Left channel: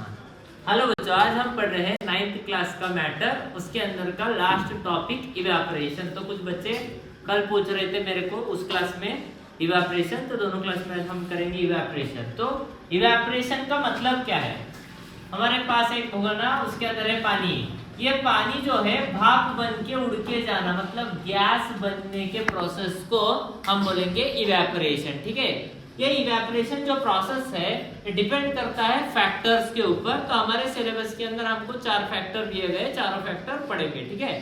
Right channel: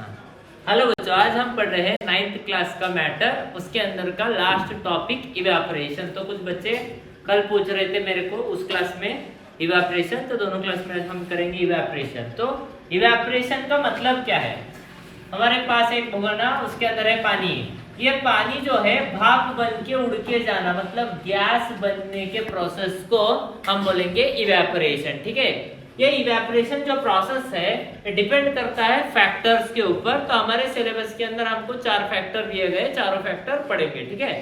हाँ हेलो बच्चों, आज हम पढ़ रहे हैं 9th क्लास का मैटर, उसके अंदर का लास्ट टॉपिक इवेपोरेशन। तो कुछ बच्चे कल पूछ रहे थे मेरे को उस क्लास में इवेपोरेशन, तो दोनों क्लास में आज हम करेंगे इवेपोरेशन। तो इवेपोरेशन का मतलब क्या है? हमारे पास एक होगा ना, उसके अंदर है पानी। ये पानी जो है भाप बन के उड़ के जाना, मतलब गैस बनने के प्रोसेस को हम बोलेंगे इवेपोरेशन। ठीक है, ये इवेपोरेशन जो प्रोसेस है ये डिपेंड करता है फैक्टर्स के ऊपर। तो हमारे सिलेबस के अंदर हमको 4 फैक्टर दिए गए, चारों फैक्टर पढ़ेंगे। ठीक है,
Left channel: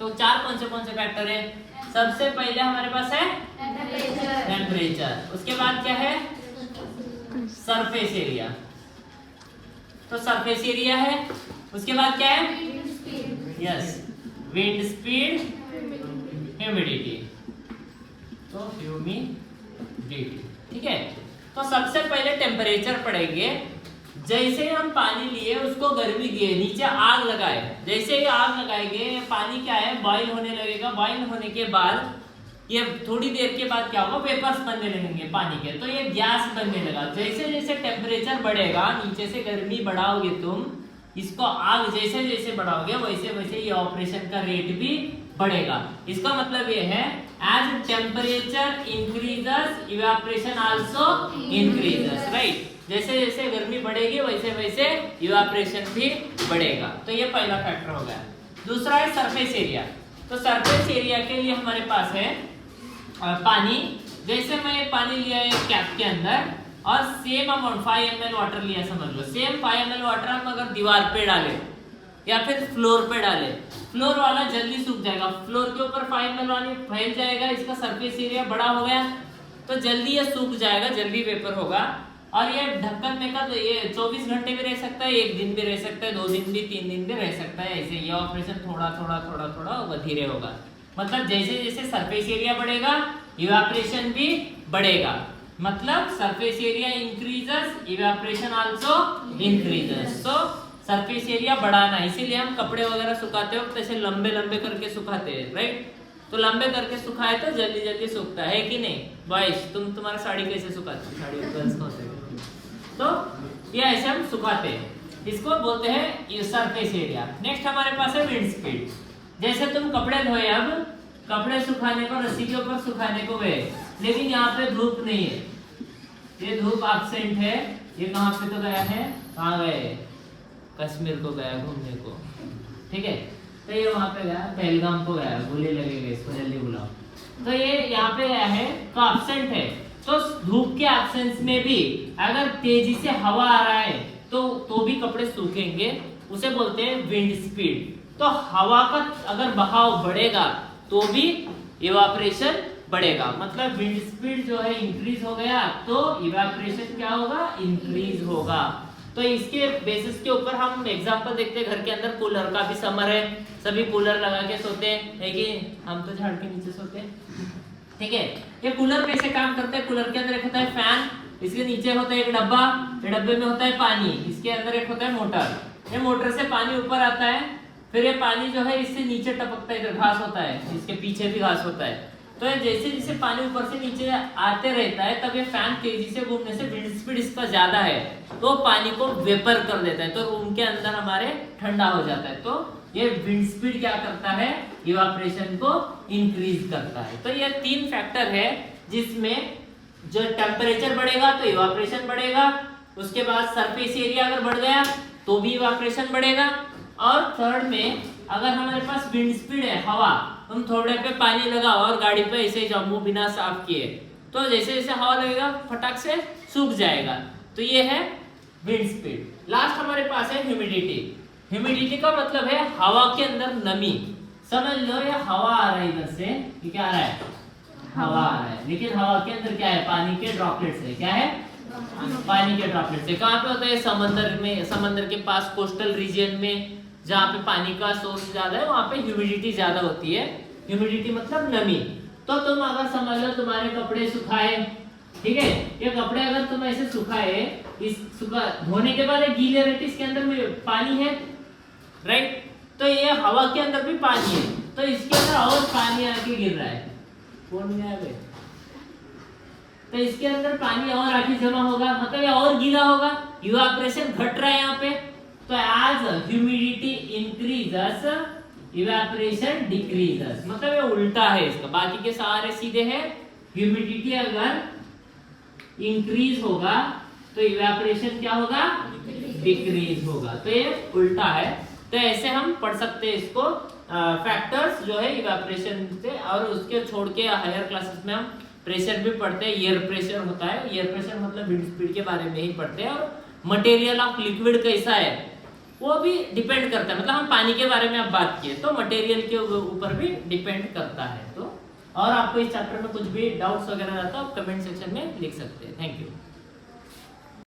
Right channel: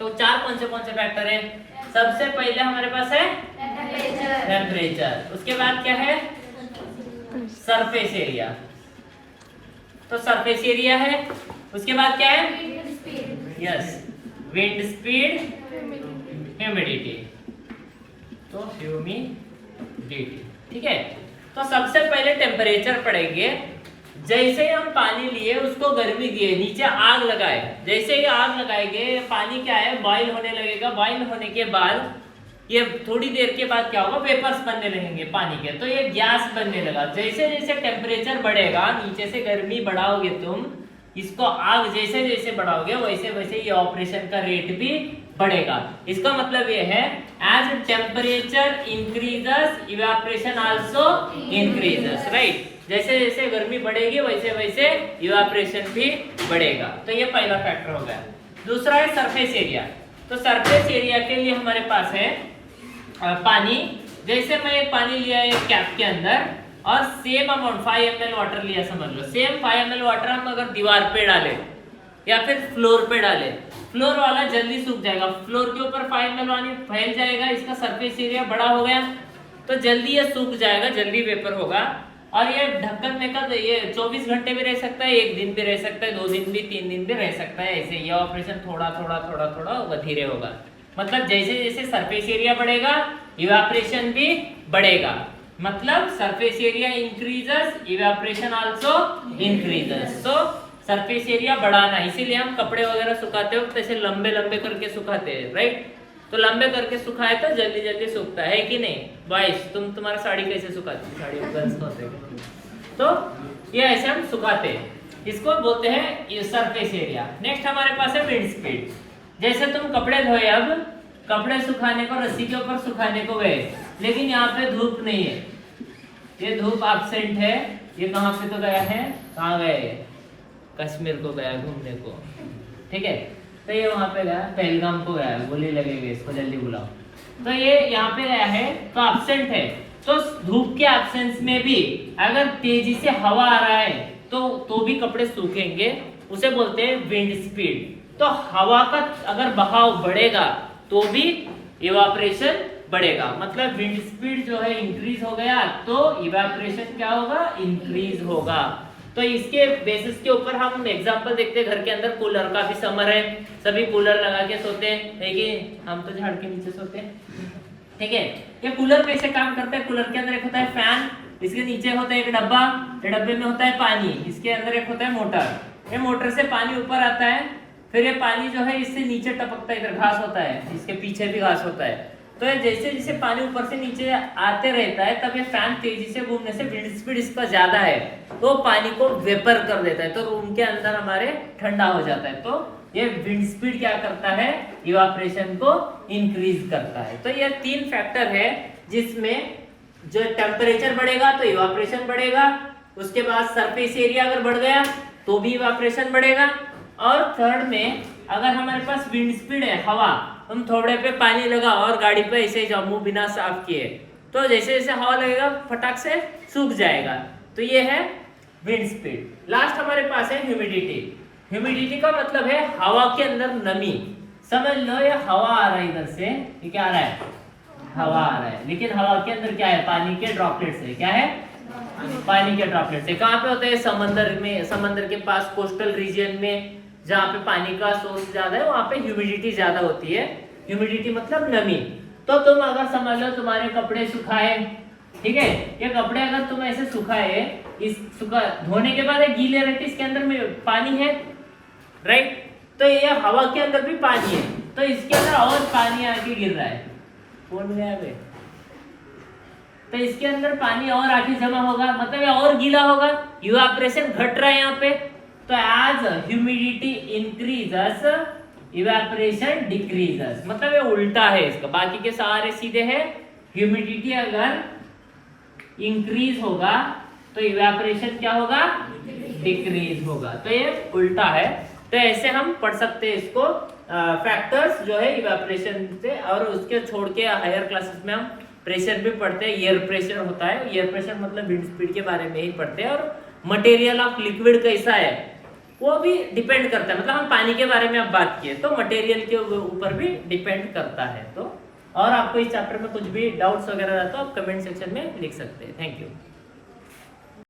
तो 4 कौन से फैक्टर हैं? सबसे पहले हमारे पास है टेम्परेचर, उसके बाद क्या है? Surface area. तो सरफेस एरिया है, उसके बाद क्या है? Yes, wind speed, humidity. तो ह्यूमिडिटी, ठीक है। तो सबसे पहले टेम्परेचर पढ़ेंगे। जैसे हम पानी लिए, उसको गर्मी दिए, नीचे आग लगाए, जैसे ही आग लगाएंगे पानी क्या है? बॉईल होने लगेगा। बॉईल होने के बाद ये थोड़ी देर के बाद क्या होगा? वेपर्स बनने लगेंगे पानी के, तो ये गैस बनने लगा। जैसे जैसे टेम्परेचर बढ़ेगा, नीचे से गर्मी बढ़ाओगे तुम, इसको आग जैसे जैसे बढ़ाओगे वैसे वैसे ये ऑपरेशन का रेट भी बढ़ेगा। इसका मतलब ये है as temperature increases evaporation also increases, right. जैसे जैसे गर्मी बढ़ेगी वैसे वैसे इवेपोरेशन भी बढ़ेगा। तो ये पहला फैक्टर हो गया। दूसरा है सरफेस एरिया। तो सरफेस एरिया के लिए हमारे पास है पानी। जैसे मैं एक पानी लिया एक कैप के अंदर और सेम अमाउंट 5 ml वाटर लिया, समझ लो सेम 5 ml वाटर हम अगर दीवार पे डाले या फिर फ्लोर पे डाले, फ्लोर वाला जल्दी सूख जाएगा। फ्लोर के ऊपर 5 ml पानी फैल जाएगा, इसका सरफेस एरिया बड़ा हो गया तो जल्दी ये सूख जाएगा, जल्दी वेपर होगा। और ये ढक्कन में का ये 24 घंटे भी रह सकता है, 1 दिन भी रह सकता है, 2 दिन भी, 3 दिन भी रह सकता है। ऐसे ये ऑपरेशन थोड़ा थोड़ा थोड़ा थोड़ा होगा, धीरे होगा। मतलब जैसे जैसे सरफेस एरिया बढ़ेगा इवेपोरेशन भी बढ़ेगा। मतलब surface area increases, evaporation also increases. तो सरफेस एरिया बढ़ाना, इसीलिए हम कपड़े वगैरह सुखाते हो ऐसे लंबे लंबे करके सुखाते हैं, राइट। तो लंबे करके सुखाए तो जल्दी जल्दी सूखता है कि नहीं? बॉयज, तुम्हारा साड़ी कैसे सुखाती है? साड़ी गर्ल्स होते हैं, तो ये ऐसे हम सुखाते हैं, इसको बोलते हैं ये सरफेस एरिया। नेक्स्ट हमारे पास है विंड स्पीड। जैसे तुम कपड़े धोए, अब कपड़े सुखाने को रस्सी के ऊपर सुखाने को गए, लेकिन यहाँ पे धूप नहीं है, ये धूप एब्सेंट है। ये कहाँ पे तो गया है? कहाँ गए? कश्मीर को गया घूमने को, ठीक है। तो ये वहां पे गया, पहलगाम को गया, गोली लगेगी इसको, जल्दी बुलाओ। तो ये यहाँ पे गया है तो एब्सेंट है। तो धूप के एब्सेंस में भी अगर तेजी से हवा आ रहा है तो भी कपड़े सूखेंगे, उसे बोलते हैं विंड स्पीड। तो हवा का अगर बहाव बढ़ेगा तो भी इवेपोरेशन बढ़ेगा। मतलब विंड स्पीड जो है इंक्रीज हो गया तो इवेपोरेशन क्या होगा? इंक्रीज होगा। तो इसके बेसिस के ऊपर हम एग्जांपल देखते हैं। घर के अंदर कूलर, काफी समर है, सभी कूलर लगा के सोते हैं, है कि हम तो झाड़ के नीचे सोते हैं, ठीक है। ये कूलर कैसे काम करता है? कूलर के अंदर एक होता है फैन, इसके नीचे होता है एक डब्बा, डब्बे में होता है पानी, इसके अंदर एक होता है मोटर। ये मोटर से पानी ऊपर आता है, फिर ये पानी जो है इससे नीचे टपकता है, इधर घास होता है, इसके पीछे भी घास होता है। तो जैसे जैसे पानी ऊपर से नीचे आते रहता है, तब ये फैन तेजी से घूमने से विंड स्पीड इसका ज्यादा है तो पानी को वेपर कर देता है, तो रूम के अंदर हमारे ठंडा हो जाता है। तो ये विंड स्पीड क्या करता है? इवेपोरेशन को इंक्रीज करता है। तो ये 3 फैक्टर है जिसमें जो टेम्परेचर बढ़ेगा तो इवेपोरेशन बढ़ेगा, उसके बाद सरफेस एरिया अगर बढ़ गया तो भी इवेपोरेशन बढ़ेगा, और थर्ड में अगर हमारे पास विंड स्पीड है, हवा, तुम थोड़े पे पानी लगाओ और गाड़ी पे ऐसे जाओ मुंह बिना साफ किए, तो जैसे जैसे हवा लगेगा फटाक से सूख जाएगा। तो ये है विंड स्पीड। लास्ट हमारे पास है ह्यूमिडिटी। ह्यूमिडिटी का मतलब है हवा के अंदर नमी। समझ लो ये हवा आ रहा है इधर से, ये क्या आ रहा है? हवा आ रहा है, लेकिन हवा के अंदर क्या है? पानी के ड्रॉपलेट्स है। क्या है? पानी के ड्रॉपलेट्स है। कहाँ पे होता है? समंदर में, समंदर के पास, कोस्टल रीजन में, जहाँ पे पानी का सोर्स ज्यादा है वहां पे ह्यूमिडिटी ज्यादा होती है। ह्यूमिडिटी मतलब नमी। तो तुम अगर समझ लो तुम्हारे कपड़े सुखाए, ठीक है, ये कपड़े अगर तुम ऐसे सुखाए, इस धोने के बाद एक गीले रहते, इसके अंदर में पानी है, राइट। तो ये हवा के अंदर भी पानी है, तो इसके अंदर और पानी आके गिर रहा है। कौन गया बे? तो इसके अंदर पानी और आगे जमा होगा, मतलब ये और गीला होगा, इवापोरेशन घट रहा है यहाँ पे। तो as humidity increases evaporation decreases, मतलब ये उल्टा है इसका, बाकी के सारे सीधे हैं। ह्यूमिडिटी अगर इंक्रीज होगा तो इवेपोरेशन क्या होगा, डिक्रीज होगा, तो ये उल्टा है। तो ऐसे हम पढ़ सकते हैं इसको फैक्टर्स जो है इवेपोरेशन से। और उसके छोड़ के हायर क्लासेस में हम प्रेशर भी पढ़ते हैं, एयर प्रेशर होता है, एयर प्रेशर मतलब विंड स्पीड के बारे में ही पढ़ते हैं। और मटेरियल ऑफ लिक्विड कैसा है वो भी डिपेंड करता है, मतलब हम पानी के बारे में अब बात किए तो मटेरियल के ऊपर भी डिपेंड करता है। तो और आपको इस चैप्टर में कुछ भी डाउट्स वगैरह रहता है तो आप कमेंट सेक्शन में लिख सकते हैं। Thank you.